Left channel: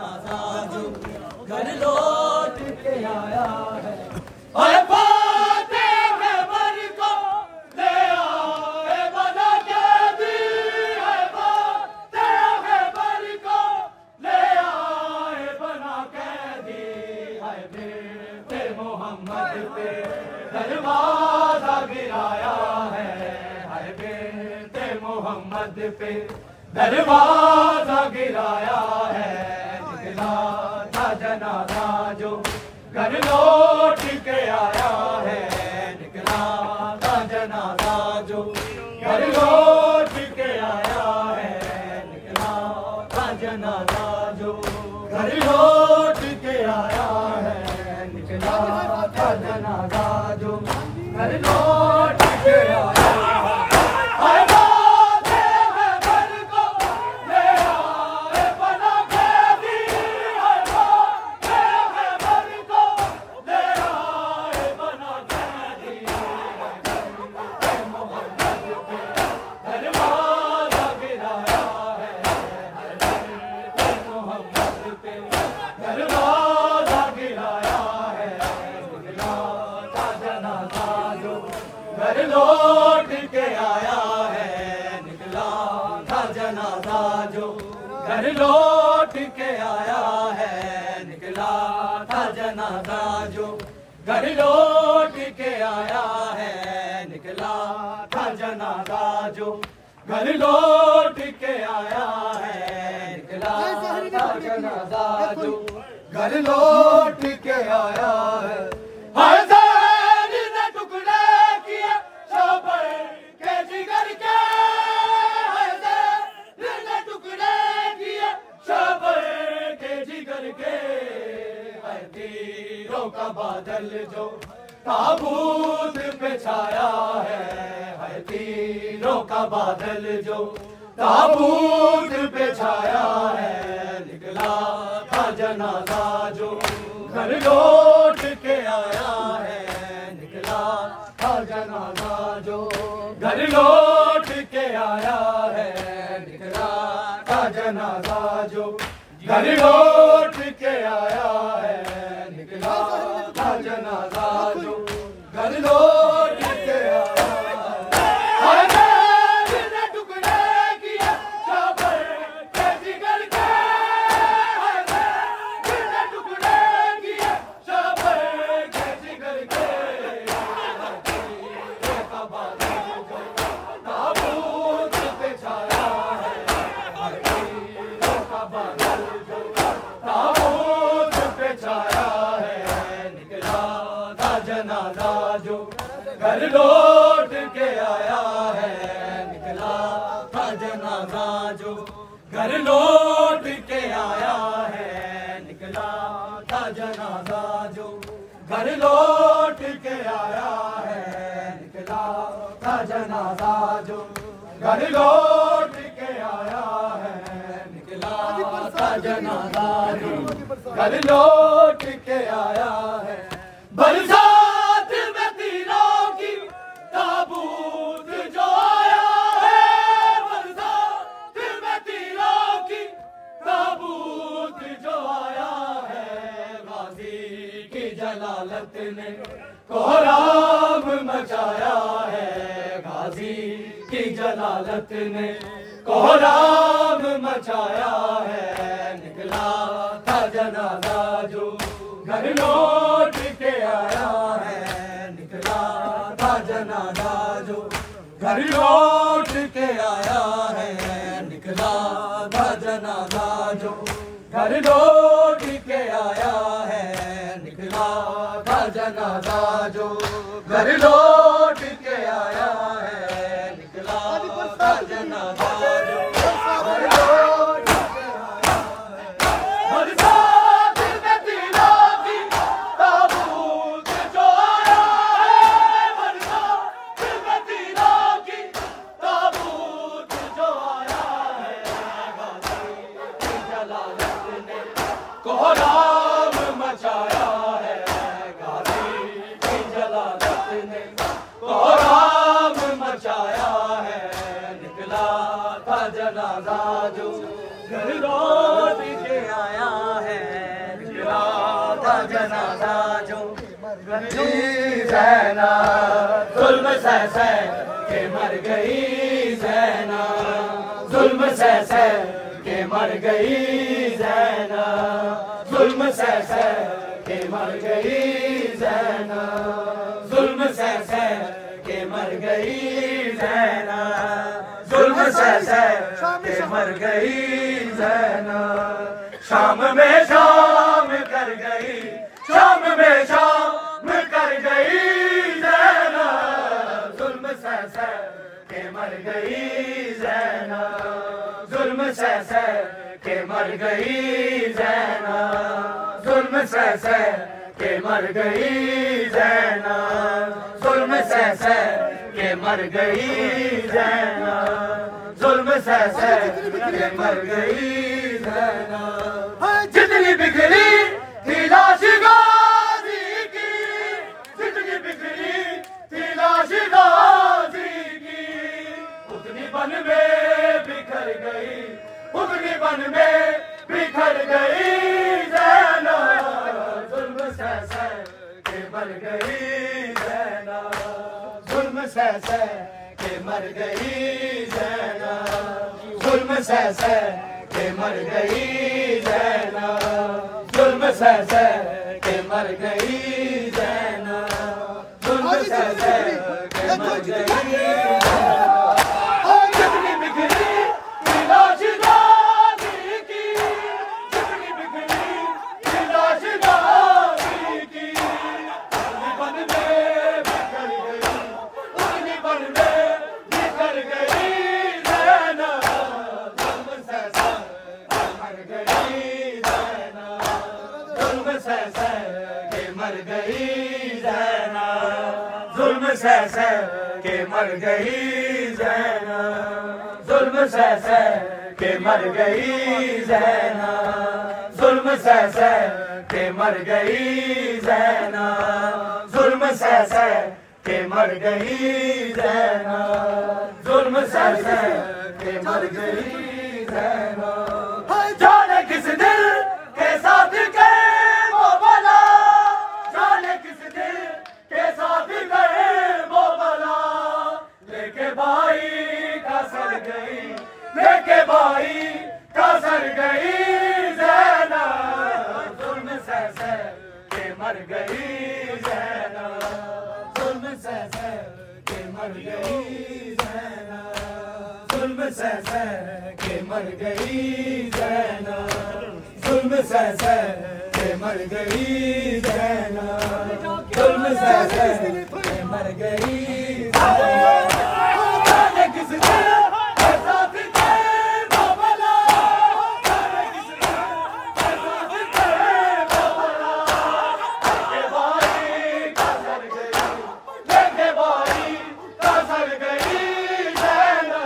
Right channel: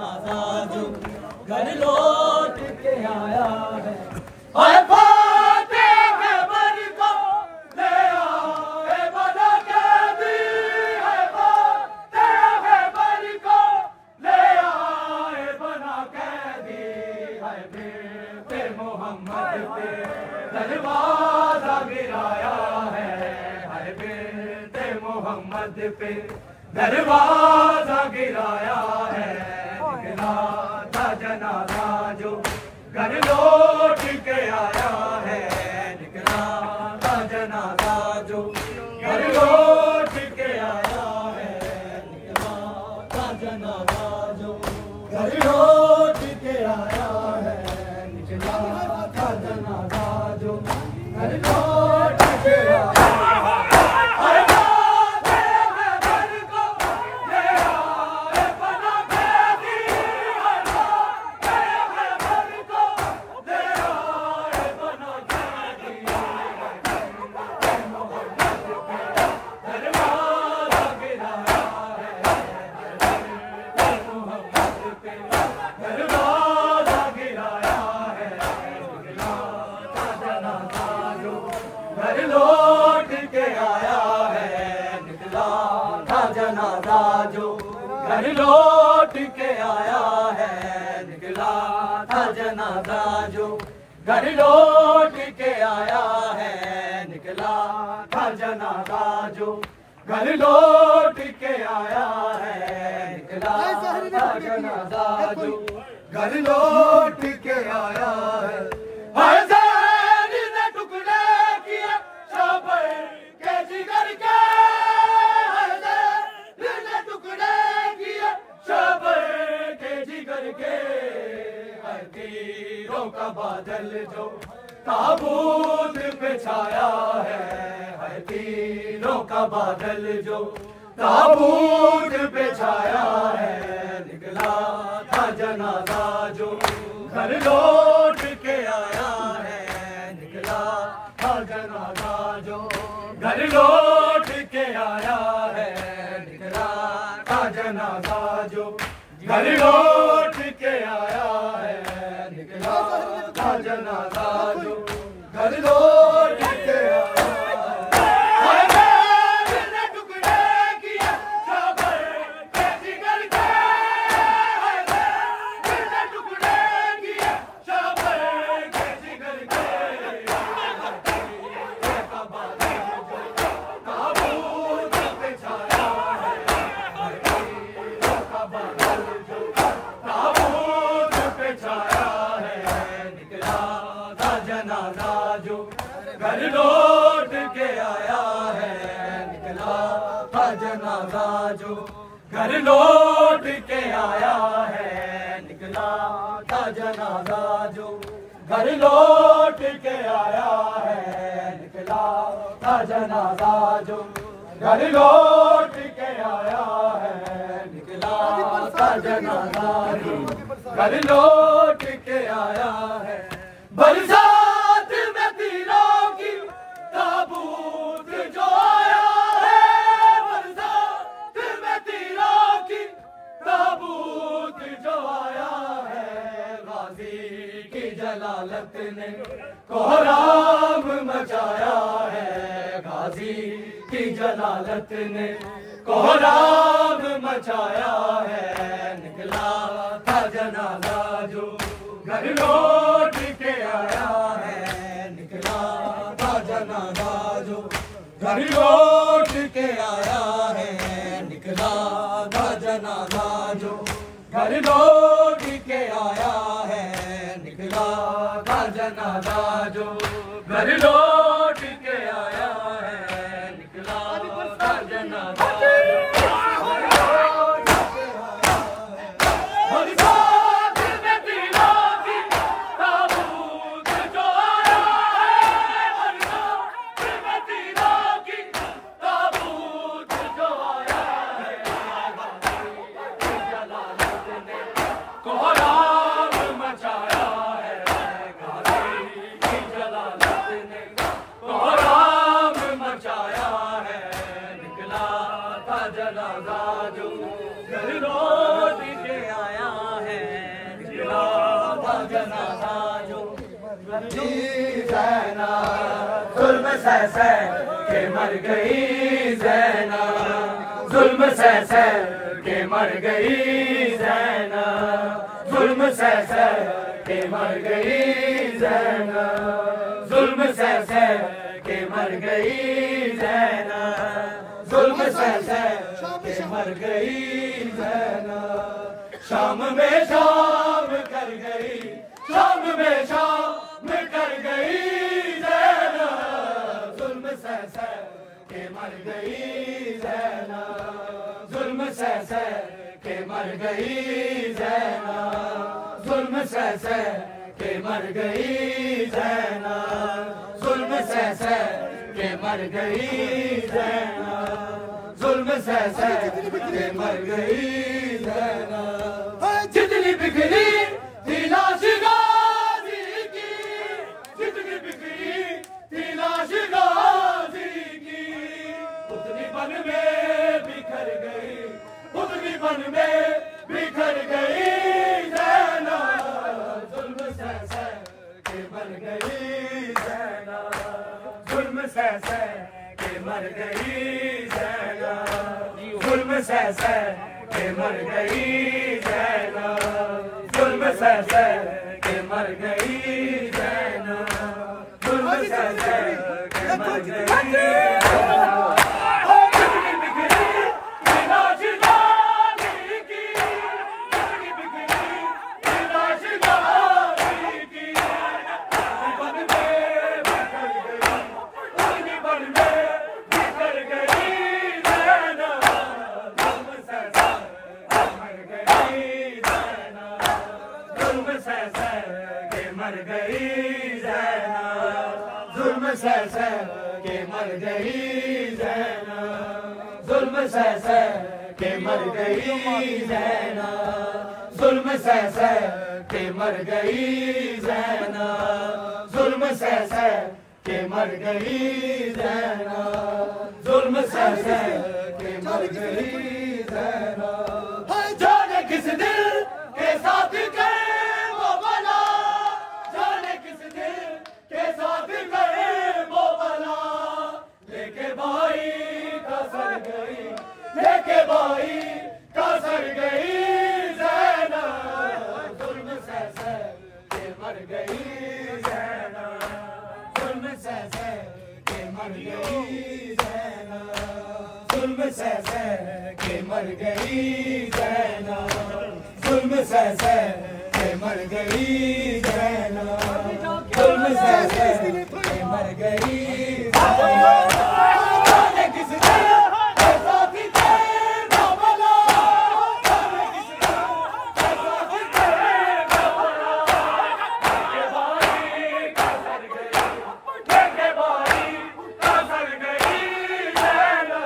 जनाजा जो घर लौट के आया है। दरवाजा गिराया है, हर बिन्ते मोहम्मद पे दरवाजा गिराया है। निकला था जनाजा जो घर लौट के आया है। निकला था जनाजा जो घर लौट के आया है। निकला था जनाजा जो घर लौट के आया है। निकला था जनाजा जो घर लौट के आया है। घर लौट के आया है। निकला था जनाजा जो घर लौट के आया है। निकला था जनाजा जो घर लौट के आया है। निकला था जनाजा जो घर लौट के आया है। निकला था जनाजा जो घर लौट के आया है। तीरों का बादल जो ताबूत पे छाया है। हर तीरों का बादल जो ताबूत पे छाया है। निकला था जनाजा जो घर लौट के आया है। निकला था जनाजा जो घर लौट के आया है। निकला था जनाजा जो घर लौट के आया है। निकला था जनाजा जो घर लौट के आया है। जनाजा जो घर लौट के आया है। निकला था जनाजा जो घर लौट के आया है। निकला था जनाजा जो घर लौट के आया है। निकला था जनाजा जो घर लौट के आया है। निकला था जनाजा जो घर लौट के आया है। बरसात में तीरों की ताबूत जो आया है। बरसात में तीरों की ताबूत जो आया है। गाजी की जलालत ने कोहराम मचाया है। गाजी की जलालत ने कोहराम मचाया है। निकला था जनाजा जो घर लौट के आया है। निकला था जनाजा जो घर लौट के आया है। निकला था जनाजा जो घर लौट के आया है। निकला था जनाजा जो घर लौट के आया है। निकला था जनाजा जनाजा जो घर लौट के आया ज़ैना, जुल्म सह सह के मर गई ज़ैना, जुल्म सह सह के मर गई ज़ैना, जुल्म सह सह के मर गई ज़ैना, जुल्म सह सह के मर गई ज़ैना, जुल्म सह सह के मर गई ज़ैना। शाम में शाम कर गई, शाम में शाम कर गई ज़ैना, जुल्म सह सह के मर गई ज़ैना, जुल्म सह सह के मर गई ज़ैना, जुल्म सह सह के मर गई ज़ैना, जुल्म सह सह के मर गई ज़ैना, जुल्म सह सह के मर गई ज़ैना। जितनी बिखरी थी लाश गाजी की, जितनी बिखरी थी लाश गाजी की, उतनी बन में बिखर गई, उतनी बन में बिखर गई ज़ैना, जुल्म सह सह के मर गई ज़ैना, जुल्म सह सह के मर गई ज़ैना, जुल्म सह सह के मर गई ज़ैना, जुल्म सह सह के मर गई ज़ैना, जुल्म सह सह के मर गई ज़ैना। कितनी बिखरी थी लाश गाजी की, कितनी बिखरी थी लाश गाजी की, उतनी बन में बिखर गई, उतनी बन में बिखर गई ज़ैना, जुल्म सह सह के मर गई ज़ैना, जुल्म सह सह के मर गई ज़ैना, जुल्म सह सह के मर गई ज़ैना, जुल्म सह सह के मर गई ज़ैना, जुल्म सह सह के मर गई ज़ैना, जुल्म सह सह के मर गई ज़ैना, जुल्म सह सह के मर गई ज़ैना। जाने किस दिल के साथ के वो बला, जाने किस दिल के साथ गए वो बला, लेके भाई का सर गई, लेके भाई का सर गई ज़ैना, जुल्म सह सह के मर गई ज़ैना, जुल्म सह सह के मर गई ज़ैना, जुल्म सह सह के मर गई ज़ैना, जुल्म सह सह के मर गई ज़ैना, जुल्म सह सह के मर गई ज़ैना। जाने किस दिल के साथ के वो बला, जाने किस दिल के साथ के वो बला, लेके भाई का सर गई, लेके भाई का सर गई ज़ैना,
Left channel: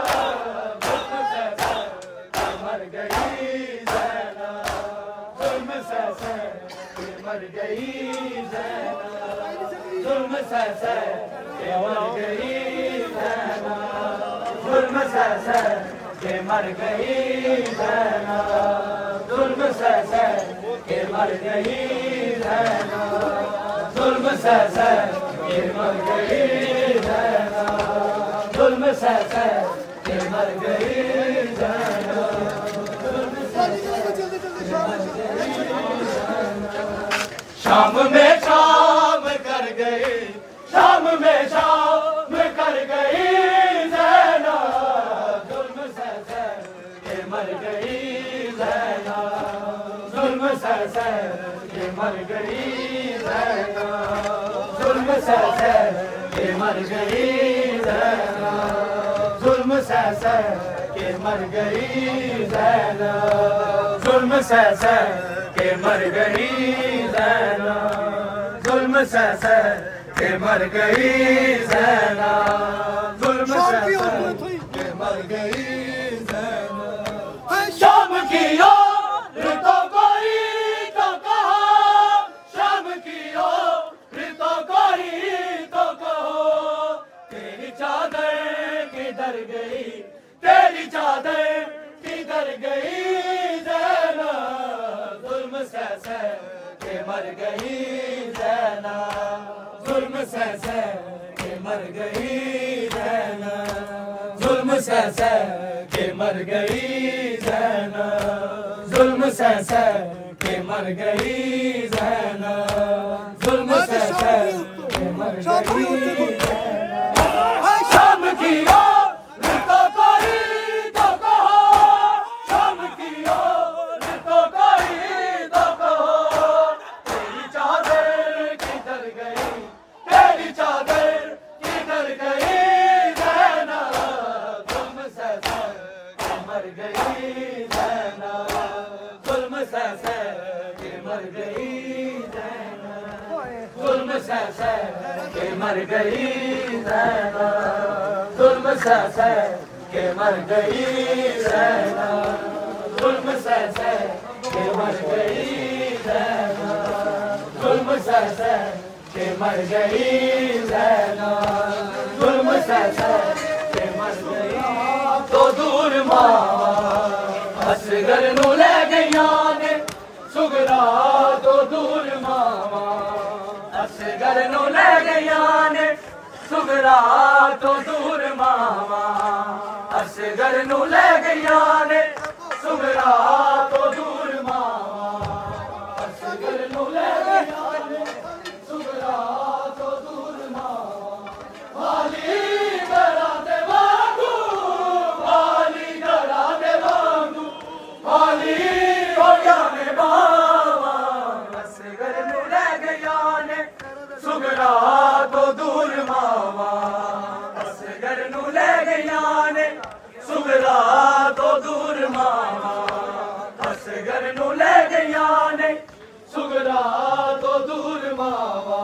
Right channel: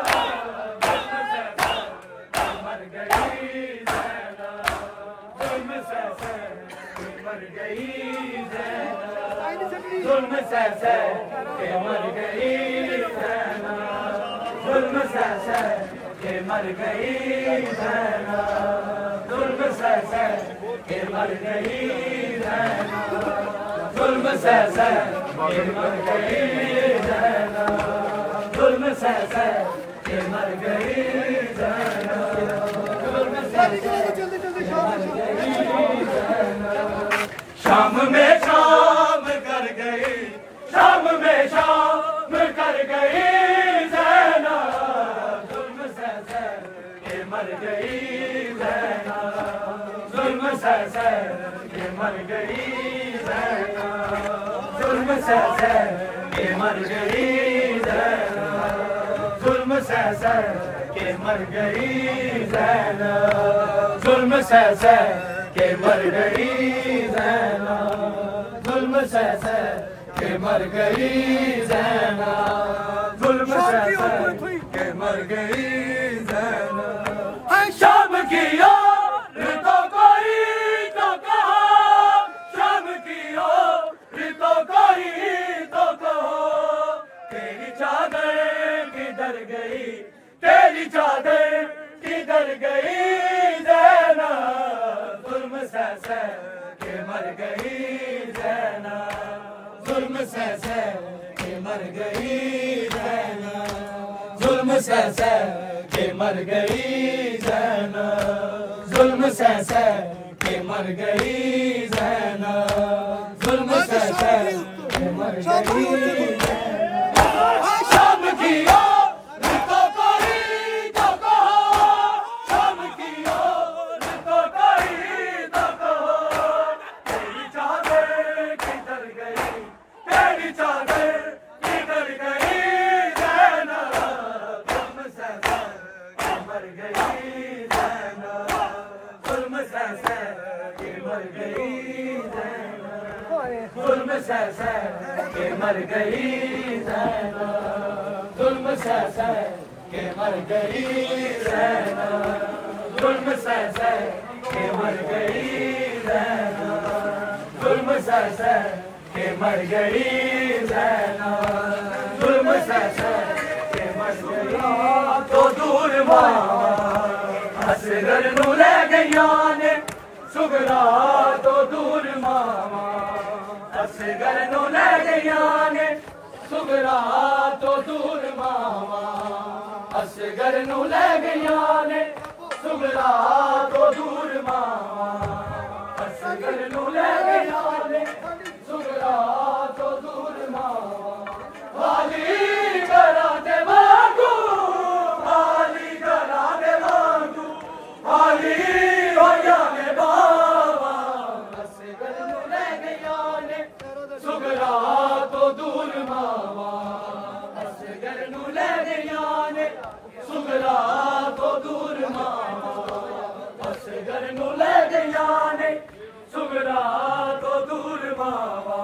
जुल्म सह सह के मर गई ज़ैना, जुल्म सह सह के मर गई ज़ैना, जुल्म सह सह के मर गई ज़ैना, जुल्म सह सह के मर गई ज़ैना, जुल्म सह सह के मर गई ज़ैना, जुल्म सह सह के मर गई ज़ैना, जुल्म सह सह के मर गई ज़ैना, जुल्म सह सह के मर गई ज़ैना। शाम में शाम कर गई, शाम में शाम कर गई ज़ैना, जुल्म सह सह के मर गई ज़ैना, जुल्म सह सह के मर गई ज़ैना, जुल्म सह सह के मर गई ज़ैना, जुल्म सह सह के मर गई ज़ैना, जुल्म सह सह के मर गई ज़ैना, जुल्म सह सह के मर गई ज़ैना, जुल्म सह सह के मर गई ज़ैना। शाम की ओर तो कोई तो कहो, शाम की ओर तो कोई तो कहो, तेरी चादर किधर गई, तेरी चादर किधर गई ज़ैना, जुल्म सह सह के मर गई ज़ैना, जुल्म सह के मर गई ज़ैनब, जुल्म सह के मर गई ज़ैनब, जुल्म सह के मर गई ज़ैनब, जुल्म सह के मर गई ज़ैनब। शाम की ओर तो कोई तो कहो, शाम की ओर तो कोई तो कहो, तेरी चादर किधर गई, तेरी चादर किधर गई ज़ैनब, जुल्म सह के मर गई ज़ैनब, जुल्म सह के मर गई ज़ैनब, जुल्म सह के मर गई ज़ैनब, जुल्म सह के मर गई ज़ैनब, जुल्म सह के मर गई ज़ैनब, जुल्म सह के मर गई ज़ैनब, जुल्म सह के मर गई। तो दूर मां असगर नू ले गईया ने सुगरा, तो दूर मां असगर नू ले गईया ने सुगरा, तो दूर मां असगर नू ले गईया ने सुगरा, तो दूर मां असगर नू ले गईया ने सुगरा, तो दूर मां वाली गरा दे वांगू, वाली गरा दे वांगू, वाली हो जाने बाबा असगर नू ले गईया ने सुगरा, तो दूर मावा असगर नू ले गईया ने सुगरा, तो दूर मावा असगर नू ले गईया ने सुगरा, तो दूर मावा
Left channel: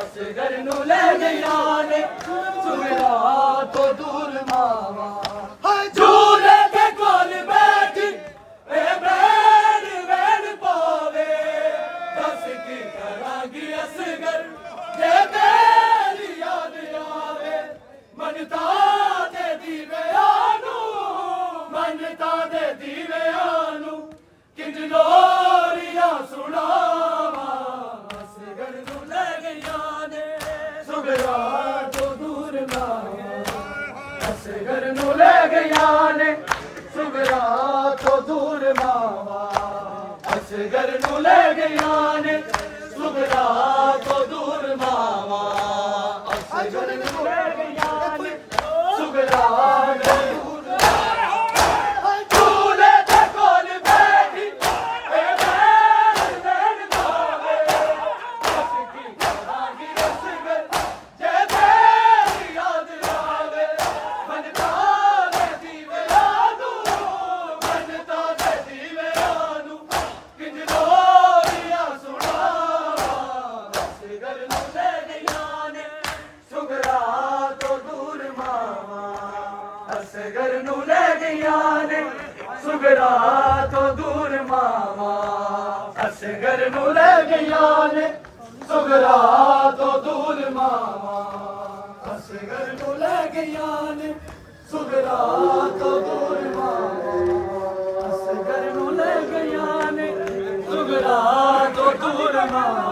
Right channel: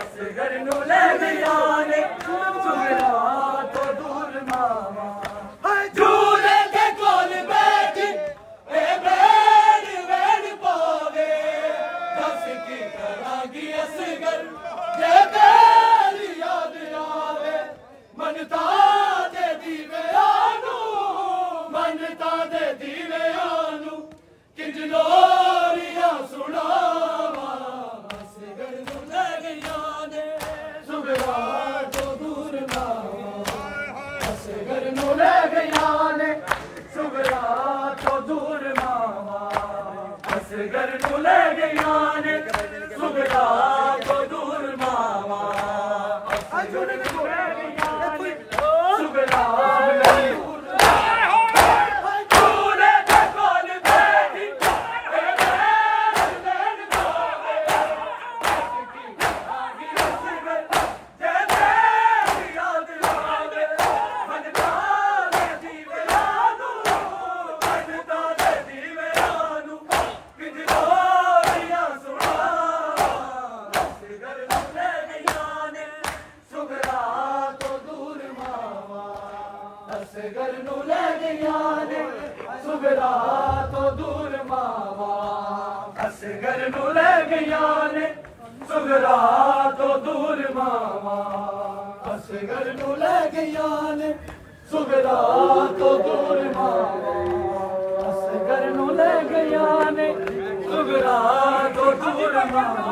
असगर नू ले गईया ने सुगरा, तो दूर मावा। झूले के कोल बैठी ए बैठ बैठ पावे, दस की करांगी असगर जे तेरी याद आवे, मनता दे दीवे आनू, मनता दे दीवे आनू, किंज लोरियां सुनावा, असगर नू ले गईया ने सुगरा, तो दूर मावा असगर नू ले गईया ने सुगरा, तो दूर मावा असगर नू ले गईया ने सुगरा, तो दूर मावा असगर नू ले गईया ने सुगरा, झूले के कोल बैठी ए बैठ बैठ पावे, उसकी करांगी असगर जे तेरी याद आवे, मनता दे दीवे आनू, मनता दे दीवे आनू, किंज लोरियां सुनावा, असगर नू ले गईया ने सुगरा, तो दूर मावा असगर नू ले गईया ने सुगरा, तो दूर मावा असगर नू ले गईया ने सुगरा, तो दूर मावा असगर नू ले गईया ने सुगरा, तो दूर मावा असगर नू ले गईया ने सुगरा, तो दूर मावा